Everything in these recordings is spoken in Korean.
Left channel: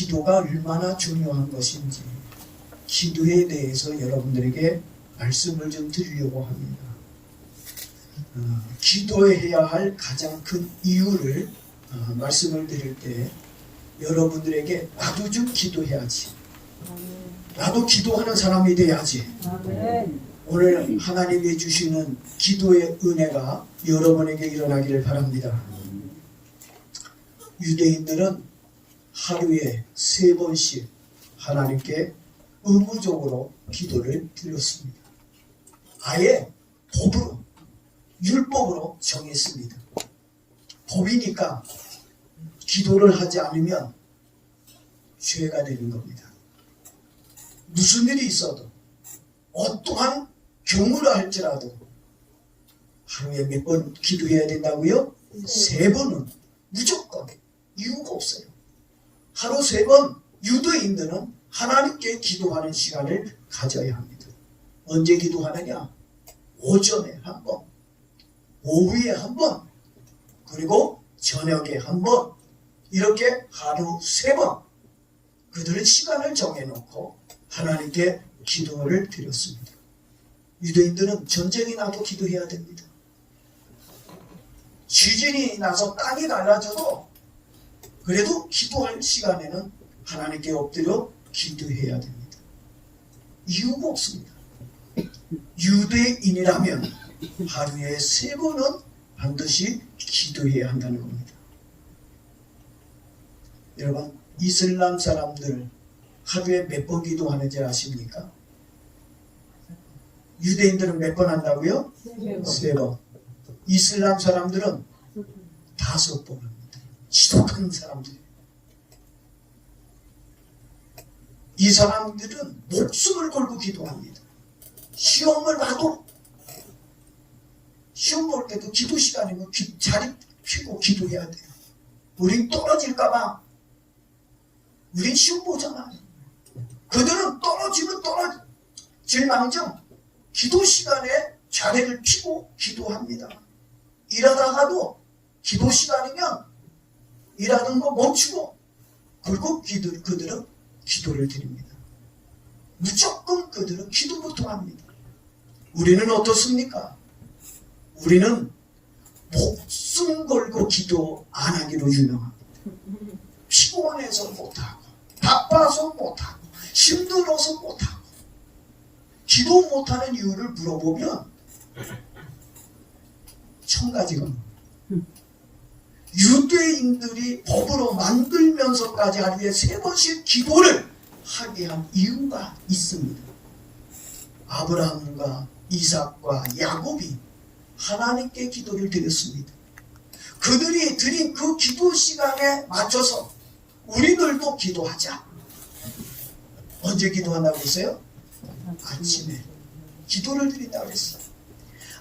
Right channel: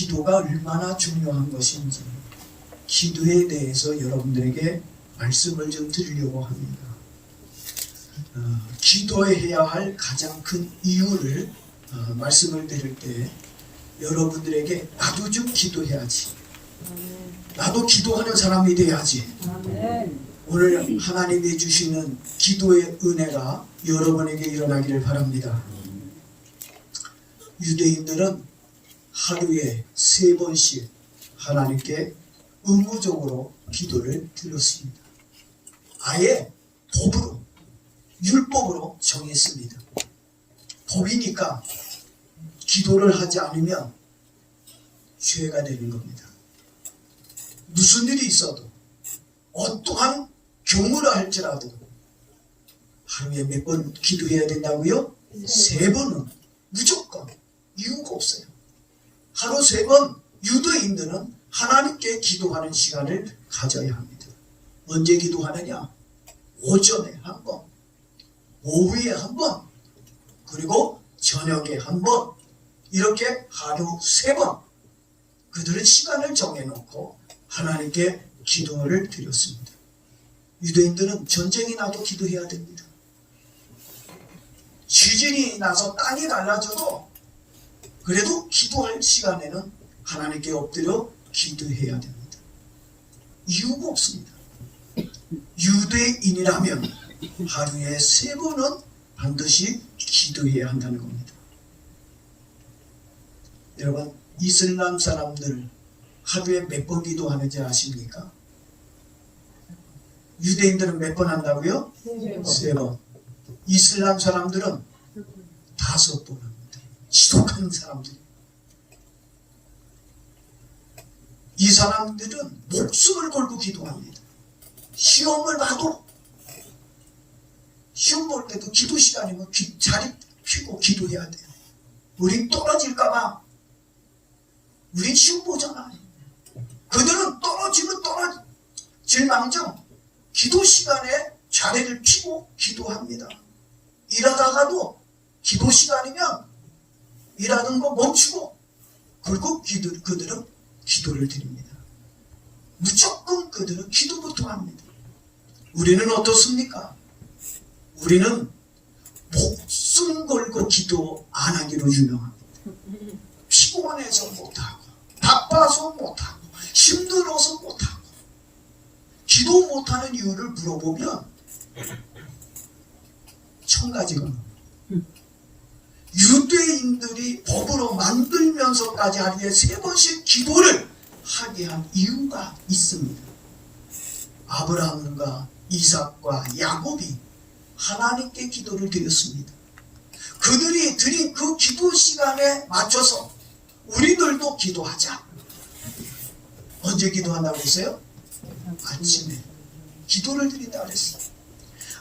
기도가 얼마나 중요한 것인지 기도에 대해서 여러분들에게 말씀을 좀 드리려고 합니다. 기도해야 할 가장 큰 이유를 말씀을 드릴 때 여러분들에게 나도 좀 기도해야지, 나도 기도하는 사람이 돼야지, 오늘 하나님이 주시는 기도의 은혜가 여러분에게 일어나기를 바랍니다. 유대인들은 하루에 3번씩 하나님께 의무적으로 기도를 드렸습니다. 아예 법으로, 율법으로 정했습니다. 법이니까 기도를 하지 않으면 죄가 되는 겁니다. 무슨 일이 있어도 어떠한 경우라 할지라도 하루에 몇 번 기도해야 된다고요? 3번은 무조건 이유가 없어요. 하루 3번 유대인들은 하나님께 기도하는 시간을 가져야 합니다. 언제 기도하느냐? 오전에 한 번, 오후에 한 번, 그리고 저녁에 한 번, 이렇게 하루 3번 그들은 시간을 정해놓고 하나님께 기도를 드렸습니다. 유대인들은 전쟁이 나도 기도해야 됩니다. 지진이 나서 땅이 갈라져도 그래도 기도할 시간에는 하나님께 엎드려 기도해야 됩니다. 이유가 없습니다. 유대인이라면 하루에 3번은 반드시 기도해야 한다는 겁니다. 여러분, 이슬람 사람들 하루에 몇 번 기도하는지 아십니까? 유대인들은 몇 번 한다고요? 3번. 이슬람 사람들은 5번 합니다. 지독한 사람들. 이 사람들은 목숨을 걸고 기도합니다. 시험을 봐도, 시험 볼 때도 기도 시간이면 자리 피고 기도해야 돼요. 우린 떨어질까봐. 우린 시험 보잖아요. 그들은 떨어지면 떨어질망정 기도 시간에 자리를 피고 기도합니다. 일하다가도 기도 시간이면 일하는 거 멈추고 그리고 그들은 기도를 드립니다. 무조건 그들은 기도부터 합니다. 우리는 어떻습니까? 우리는 목숨 걸고 기도 안 하기로 유명합니다. 피곤해서 못하고, 바빠서 못하고, 힘들어서 못하고, 기도 못하는 이유를 물어보면 1000가지가 유대인들이 법으로 만들면서까지 하루에 3번씩 기도를 하게 한 이유가 있습니다. 아브라함과 이삭과 야곱이 하나님께 기도를 드렸습니다. 그들이 드린 그 기도 시간에 맞춰서 우리들도 기도하자. 언제 기도한다고 했어요? 아침에 기도를 드린다고 했어요.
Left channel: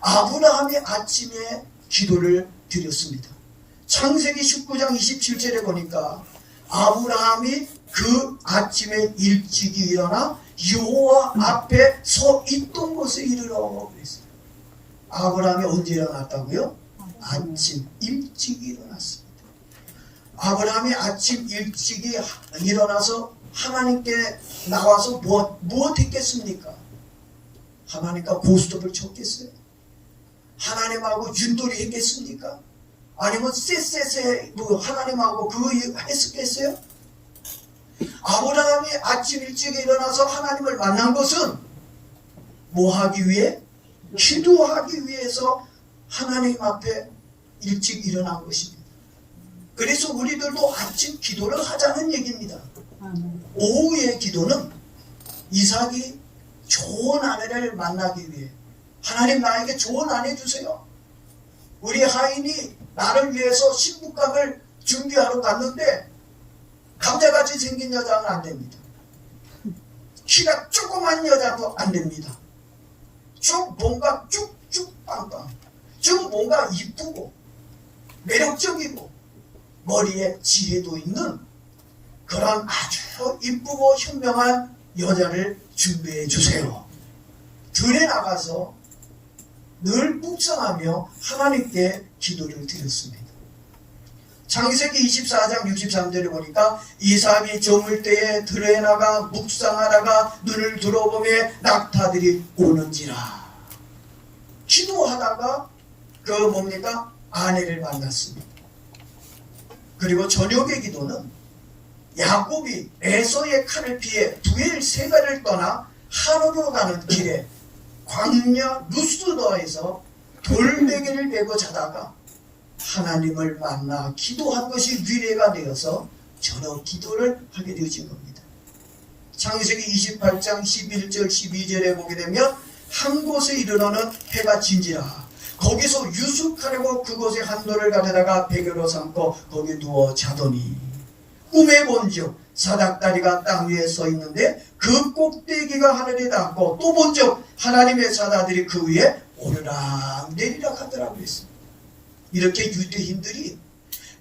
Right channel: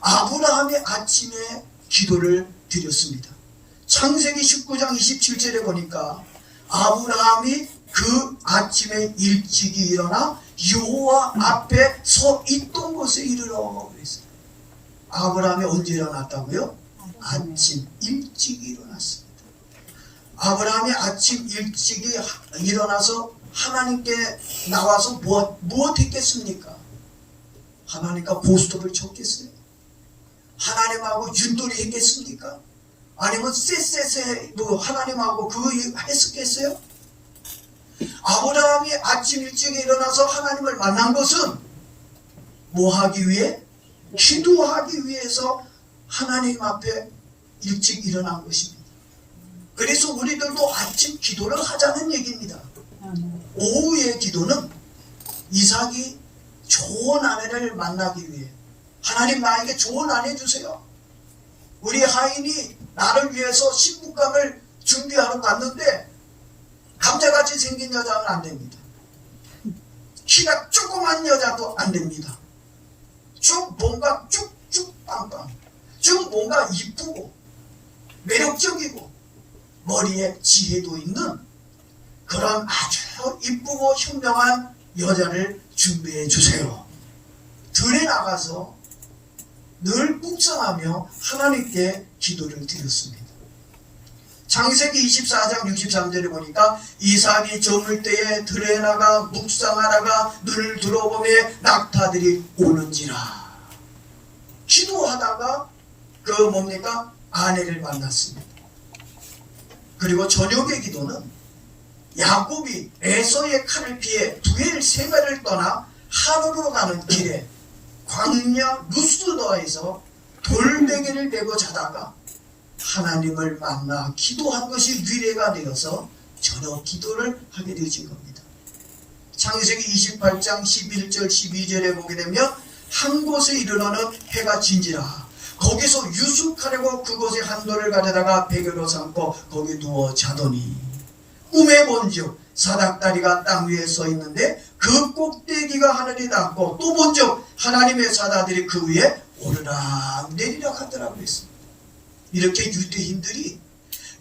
아브라함이 아침에 기도를 드렸습니다. 창세기 19장 27절에 보니까 아브라함이 그 아침에 일찍이 일어나 여호와 앞에 서 있던 곳에 이르러 그랬어요. 아브라함이 언제 일어났다고요? 아침 일찍 일어났습니다. 아브라함이 아침 일찍이 일어나서 하나님께 나와서 무엇 했겠습니까? 하나님과 고스톱을 쳤겠어요? 하나님하고 윷놀이 했겠습니까? 아니면 쎄쎄쎄 하나님하고 그거 했었겠어요? 아브라함이 아침 일찍 일어나서 하나님을 만난 것은 뭐 하기 위해? 기도하기 위해서 하나님 앞에 일찍 일어난 것입니다. 그래서 우리들도 아침 기도를 하자는 얘기입니다. 오후의 기도는 이삭이 좋은 아내를 만나기 위해 하나님 나에게 좋은 아내 주세요. 우리 하인이 나를 위해서 신부감을 준비하러 갔는데 감자같이 생긴 여자는 안 됩니다. 키가 조그만 여자도 안 됩니다. 좀 뭔가 쭉쭉 빵빵, 좀 뭔가 이쁘고 매력적이고 머리에 지혜도 있는 그런 아주 이쁘고 현명한 여자를 준비해 주세요. 들에 나가서 늘 묵상하며 하나님께 기도를 드렸습니다. 창세기 24장 63절에 보니까 이삭이 저물 때에 들에 나가 묵상하다가 눈을 들어보며 낙타들이 오는지라. 기도하다가 그 뭡니까? 아내를 만났습니다. 그리고 저녁의 기도는 야곱이 에서의 칼을 피해 두엘 세배를 떠나 하루로 가는 길에 광야 루스더에서 돌베개를 메고 자다가 하나님을 만나 기도한 것이 위례가 되어서 저녁 기도를 하게 되어진 겁니다. 창세기 28장 11절 12절에 보게 되면 한 곳에 이르러는 해가 진지라. 거기서 유숙하려고 그곳에 한 돌을 가져다가 베개로 삼고 거기 누워 자더니 꿈에 본즉 사닥다리가 땅 위에 서 있는데 그 꼭대기가 하늘에 닿고 또 본즉 하나님의 사다들이 그 위에 오르락 내리락 하더라고 그랬습니다. 이렇게 유대인들이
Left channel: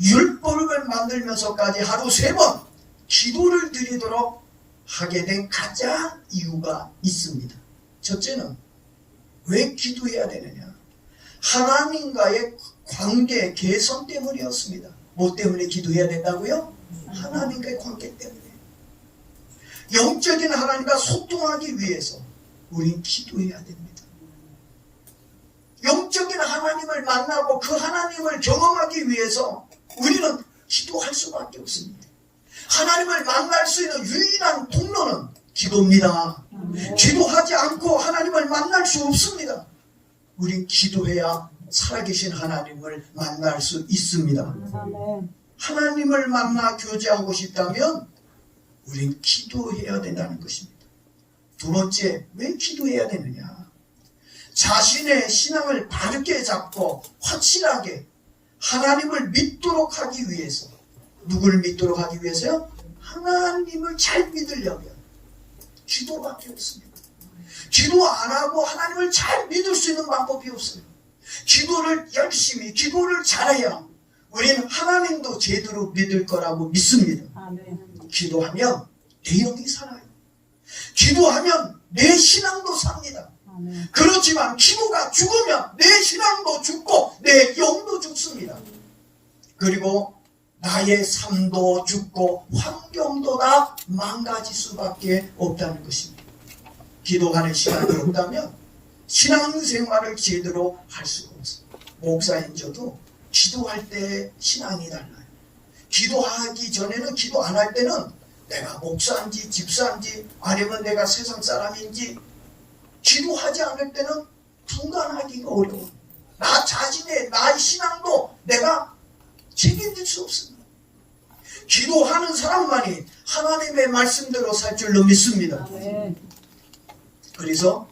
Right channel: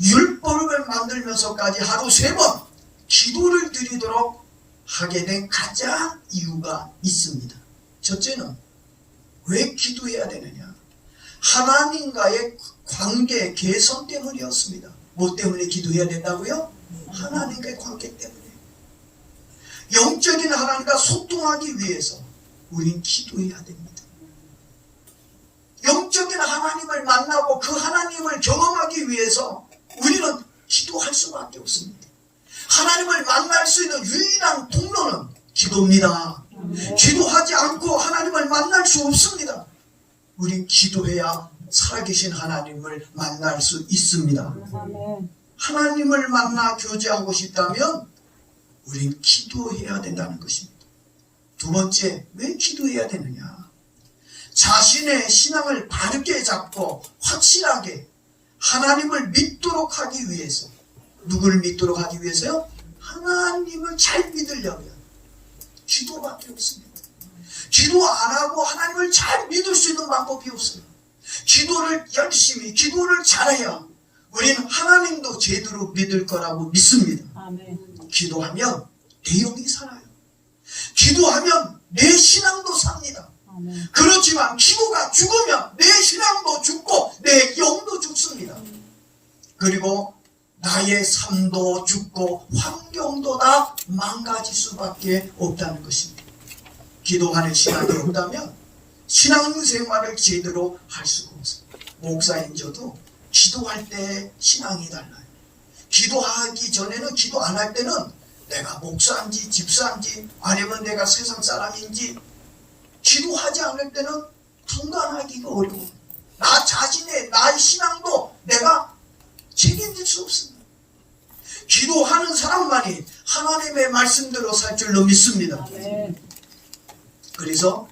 율법을 만들면서까지 하루 3번 기도를 드리도록 하게 된 가장 이유가 있습니다. 첫째는 왜 기도해야 되느냐? 하나님과의 관계 개선 때문이었습니다. 뭐 때문에 기도해야 된다고요? 하나님과의 관계 때문에. 영적인 하나님과 소통하기 위해서 우린 기도해야 됩니다. 영적인 하나님을 만나고 그 하나님을 경험하기 위해서 우리는 기도할 수밖에 없습니다. 하나님을 만날 수 있는 유일한 통로는 기도입니다. 기도하지 않고 하나님을 만날 수 없습니다. 우린 기도해야 살아계신 하나님을 만날 수 있습니다. 하나님을 만나 교제하고 싶다면 우린 기도해야 된다는 것입니다. 두 번째, 왜 기도해야 되느냐? 자신의 신앙을 바르게 잡고 확실하게 하나님을 믿도록 하기 위해서. 누구를 믿도록 하기 위해서요? 하나님을 잘 믿으려면 기도밖에 없습니다. 기도 안 하고 하나님을 잘 믿을 수 있는 방법이 없어요. 기도를 열심히, 기도를 잘해야 우리는 하나님도 제대로 믿을 거라고 믿습니다. 아멘. 기도하면 내 영이 살아요. 기도하면 내 신앙도 삽니다. 아멘. 그렇지만 기도가 죽으면 내 신앙도 죽고 내 영도 죽습니다. 그리고 나의 삶도 죽고 환경도 다 망가질 수밖에 없다는 것입니다. 기도하는 신앙이 없다면 신앙생활을 제대로 할 수가 없어요. 목사인 저도 기도할 때 신앙이 달라요. 기도하기 전에는, 기도 안 할 때는 내가 목사인지 집사인지 아니면 내가 세상 사람인지, 기도하지 않을 때는 분간하기가 어려워. 나 자신의 나의 신앙도 내가 책임질 수 없습니다. 기도하는 사람만이 하나님의 말씀대로 살 줄로 믿습니다. 아멘. 그래서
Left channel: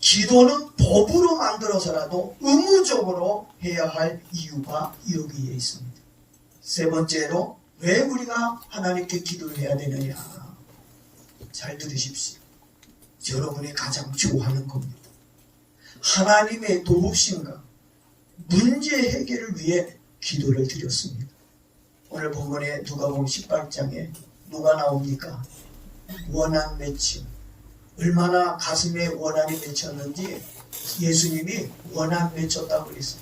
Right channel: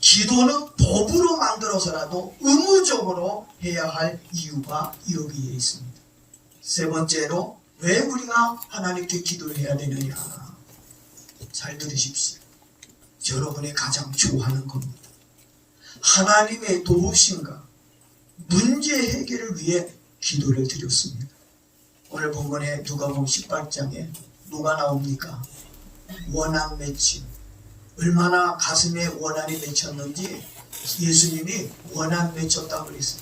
기도는 법으로 만들어서라도 의무적으로 해야 할 이유가 여기에 있습니다. 세 번째로 왜 우리가 하나님께 기도를 해야 되느냐? 잘 들으십시오. 여러분이 가장 좋아하는 겁니다. 하나님의 도우심과 문제 해결을 위해 기도를 드렸습니다. 오늘 본문에 누가복음 18장에 누가 나옵니까? 원한 맺힘. 얼마나 가슴에 원한이 맺혔는지 예수님이 원한 맺혔다고 그랬어요.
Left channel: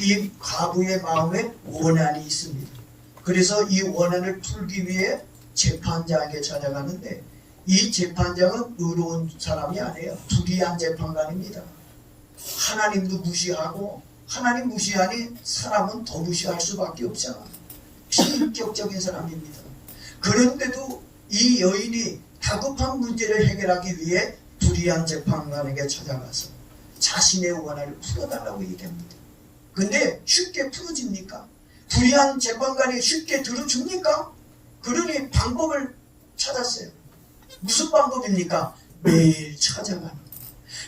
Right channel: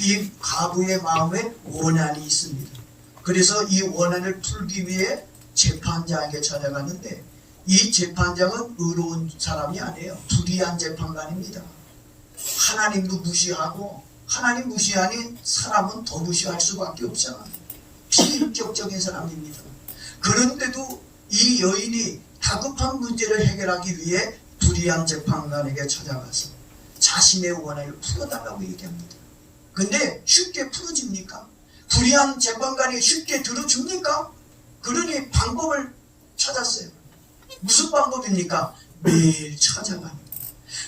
이 과부의 마음에 원한이 있습니다. 그래서 이 원한을 풀기 위해 재판장에게 찾아가는데 이 재판장은 의로운 사람이 아니에요. 불의한 재판관입니다. 하나님도 무시하고, 하나님 무시하니 사람은 더 무시할 수밖에 없잖아요. 비인격적인 사람입니다. 그런데도 이 여인이 다급한 문제를 해결하기 위해 불의한 재판관에게 찾아가서 자신의 원한을 풀어달라고 얘기합니다. 근데 쉽게 풀어집니까? 불의한 재판관이 쉽게 들어줍니까? 그러니 방법을 찾았어요. 무슨 방법입니까? 매일 찾아갑니다.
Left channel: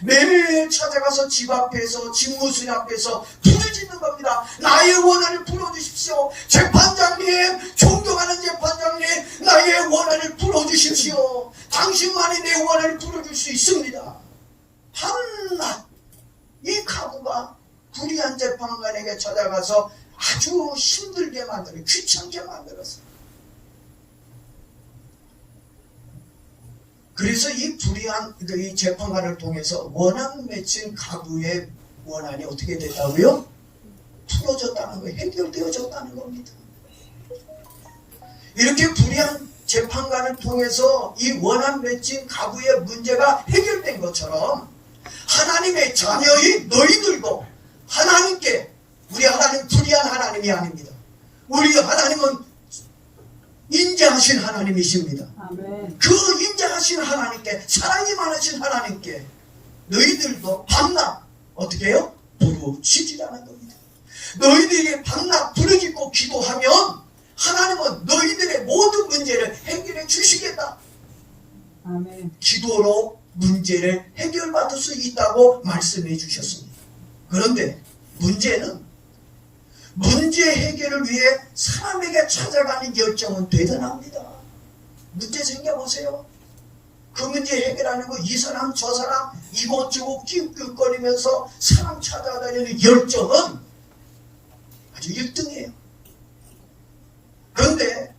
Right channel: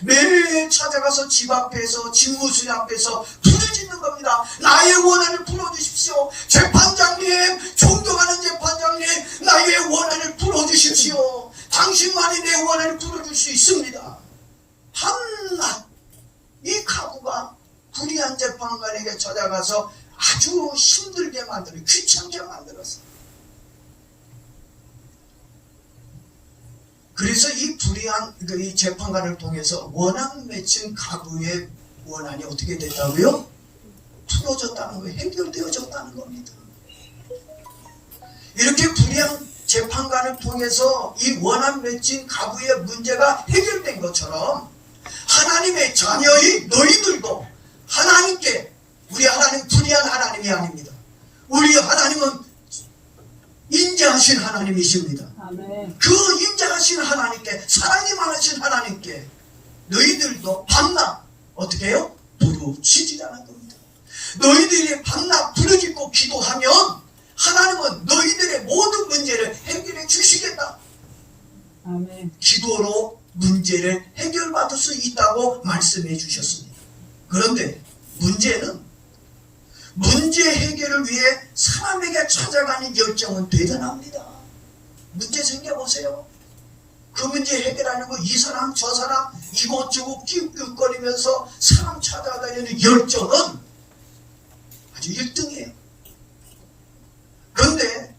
매일 찾아가서 집 앞에서, 집무실 앞에서 부르짖는 겁니다. 나의 원한을 풀어주십시오. 재판장님, 존경하는 재판장님, 나의 원한을 풀어주십시오. 당신만이 내 원한을 풀어줄 수 있습니다. 한낱 이 가부가 불의한 재판관에게 찾아가서 아주 힘들게 만들어, 귀찮게 만들었어요. 그래서 이 불의한 이 재판관을 통해서 원한 맺힌 가부의 원한이 어떻게 됐다고요? 풀어졌다는 거예요. 해결되어졌다는 겁니다. 이렇게 불의한 재판관을 통해서 이 원한 맺힌 가구의 문제가 해결된 것처럼 하나님의 자녀의 너희들도 하나님께, 우리 하나님 불의한 하나님이 아닙니다. 우리 하나님은 인자하신 하나님이십니다. 아멘. 그 인자하신 하나님께, 사랑이 많으신 하나님께 너희들도 밤낮 어떻게 해요? 부르짖으라는 겁니다. 너희들이 밤낮 부르짖고 기도하면 하나님은 너희들의 모든 문제를 해결해 주시겠다. 아멘. 기도로 문제를 해결받을 수 있다고 말씀해 주셨습니다. 그런데 문제는 문제 해결을 위해 사람에게 찾아가는 열정은 대단합니다. 문제 생겨보세요. 그 문제 해결하려고 이 사람 저 사람 이곳저곳 낑낑거리면서 사람 찾아다니는 열정은 아주 1등이에요. 그런데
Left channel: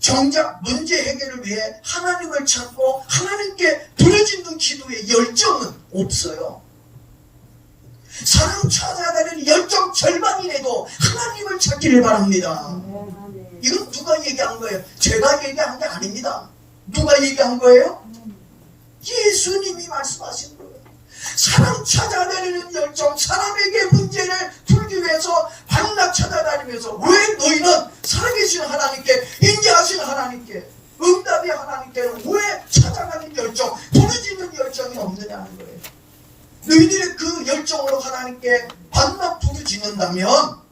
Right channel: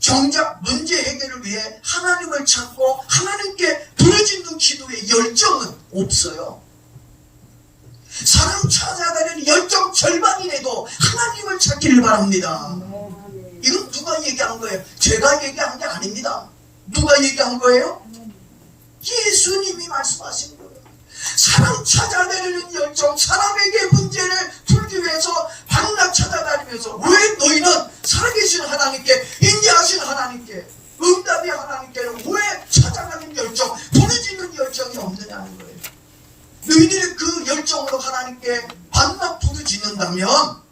정작 문제 해결을 위해 하나님을 찾고 하나님께 부르짖는 기도의 열정은 없어요. 사람 찾아다니는 열정 절반이라도 하나님을 찾기를 바랍니다. 이건 누가 얘기한 거예요? 제가 얘기한 게 아닙니다. 누가 얘기한 거예요? 예수님이 말씀하신 거예요. 사람 찾아다니는 열정, 사람에게 문제를 풀기 위해서 밤낮 찾아다니면서 왜 너희는 살아계신 하나님께, 인자하신 하나님께, 응답의 하나님께는 왜 찾아가는 열정, 부르짖는 열정이 없느냐는 거예요. 너희들의 그 열정으로 하나님께 밤낮 부르짖는다면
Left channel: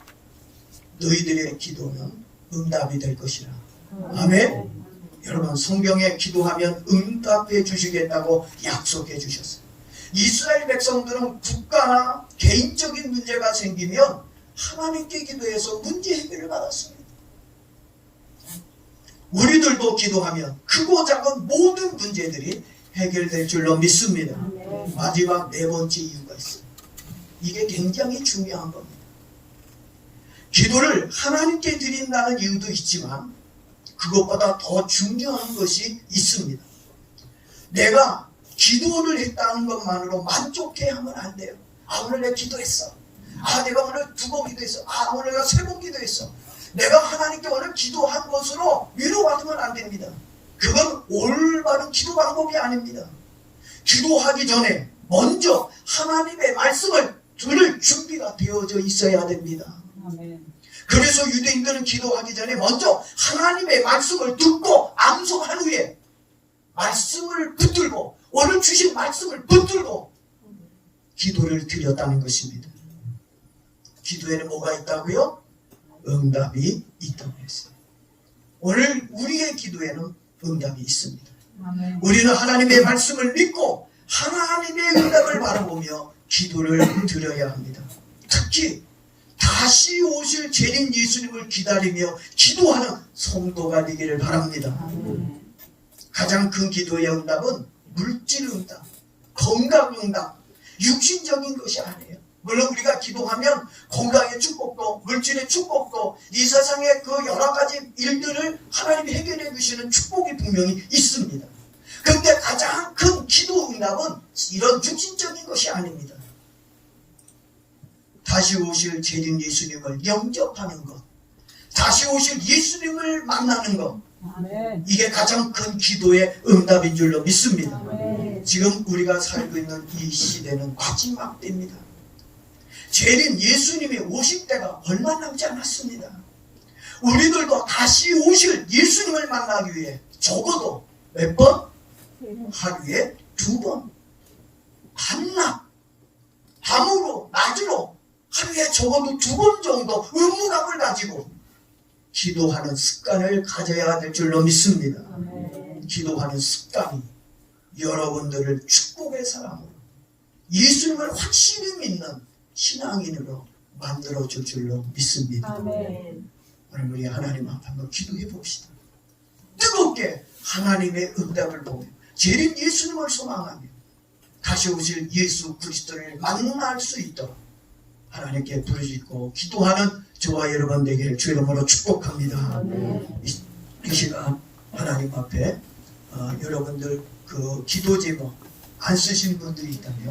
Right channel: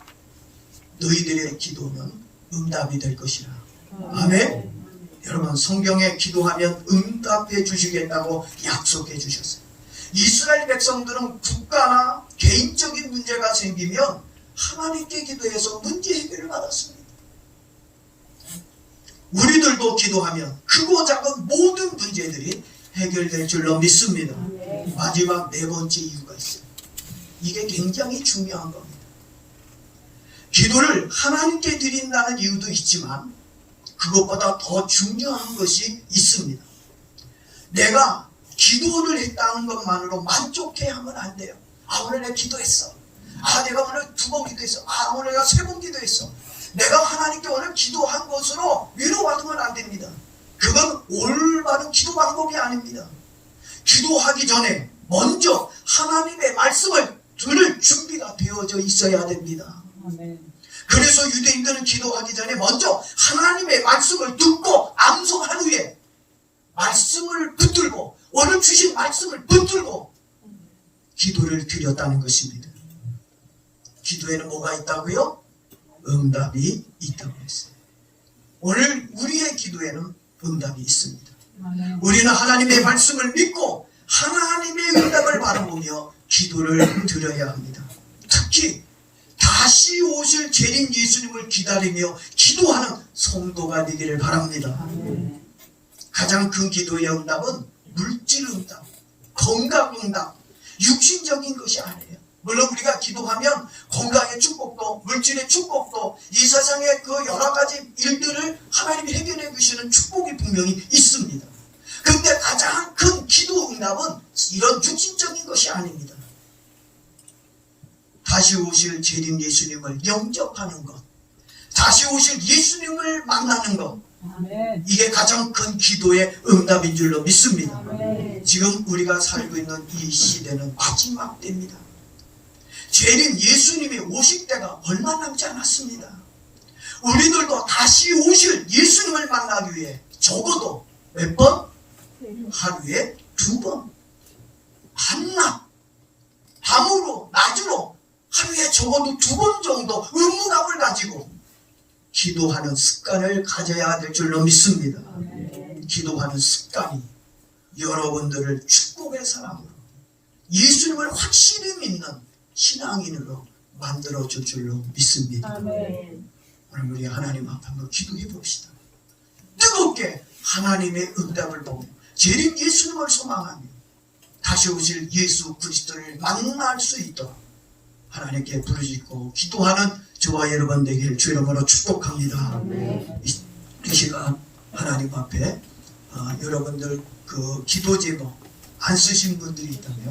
너희들의 기도는 응답이 될 것이라. 아멘. 여러분, 성경에 기도하면 응답해 주시겠다고 약속해 주셨어요. 이스라엘 백성들은 국가나 개인적인 문제가 생기면 하나님께 기도해서 문제 해결을 받았습니다. 우리들도 기도하면 크고 작은 모든 문제들이 해결될 줄로 믿습니다. 마지막 네 번째 이유가 있어요. 이게 굉장히 중요한 겁니다. 기도를 하나님께 드린다는 이유도 있지만 그것보다 더 중요한 것이 있습니다. 내가 기도를 했다는 것만으로 만족해하면 안 돼요. 아, 오늘 내가 기도했어. 아, 내가 오늘 2번 기도했어. 아, 오늘 내가 3번 기도했어. 내가 하나님께 오늘 기도한 것으로 위로받으면 안 됩니다. 그건 올바른 기도 방법이 아닙니다. 기도하기 전에 먼저 하나님의 말씀을 들을 준비가 되어져 있어야 됩니다. 아멘. 그래서 유대인들은 기도하기 전에 먼저 하나님의 말씀을 듣고 암송한 후에 말씀을 붙들고, 오늘 주신 말씀을 붙들고 기도를 드렸다는 것입니다. 기도에는 뭐가 있다고요? 응답이 있다고 했어요. 오늘 우리의 기도에는 응답이 있습니다. 아멘. 우리는 하나님의 말씀을 믿고 하나님의 응답을 바라보며 기도를 드려야 합니다. 특히 다시 오실 재림 예수님을 기다리며 기도하는 성도가 되기를 바랍니다. 아멘. 가장 큰 기도의 응답은 물질 응답, 건강 응답, 육신적인 것이 아니에요. 물론 우리가 기도하면 건강의 축복도, 물질의 축복도, 이 세상의 그 여러 가지 일들을 하나님이 해결해 주시는 축복이 분명히 있습니다. 그런데 가장 큰 기도 응답은 이런 육신적인 것이 아닙니다. 다시 오실 재림 예수님을 영접하는 것, 다시 오실 예수님을 만나는 것, 아멘. 이게 가장 큰 기도의 응답인 줄로 믿습니다. 아멘. 지금 우리가 살고 있는 이 시대는 마지막 때입니다. 재림 예수님이 오실 때가 얼마 남지 않았습니다. 우리들도 다시 오실 예수님을 만나기 위해 적어도 몇 번? 하루에 2번, 밤낮, 밤으로 낮으로 하루에 적어도 2번 정도 의무감을 가지고 기도하는 습관을 가져야 될 줄로 믿습니다. 아멘. 기도하는 습관이 여러분들을 축복의 사람으로, 예수님을 확실히 믿는 신앙인으로 만들어줄 줄로 믿습니다. 아멘. 오늘 우리 하나님 앞에 한번 기도해 봅시다. 뜨겁게 하나님의 응답을 보며 재림 예수님을 소망하며 다시 오실 예수 그리스도를 만날 수 있도록 하나님께 부르짖고 기도하는 저와 여러분 되기를 주 이름으로 축복합니다. 아멘. 이 시간 하나님 앞에 여러분들 그 기도 제목 안 쓰신 분들이 있다면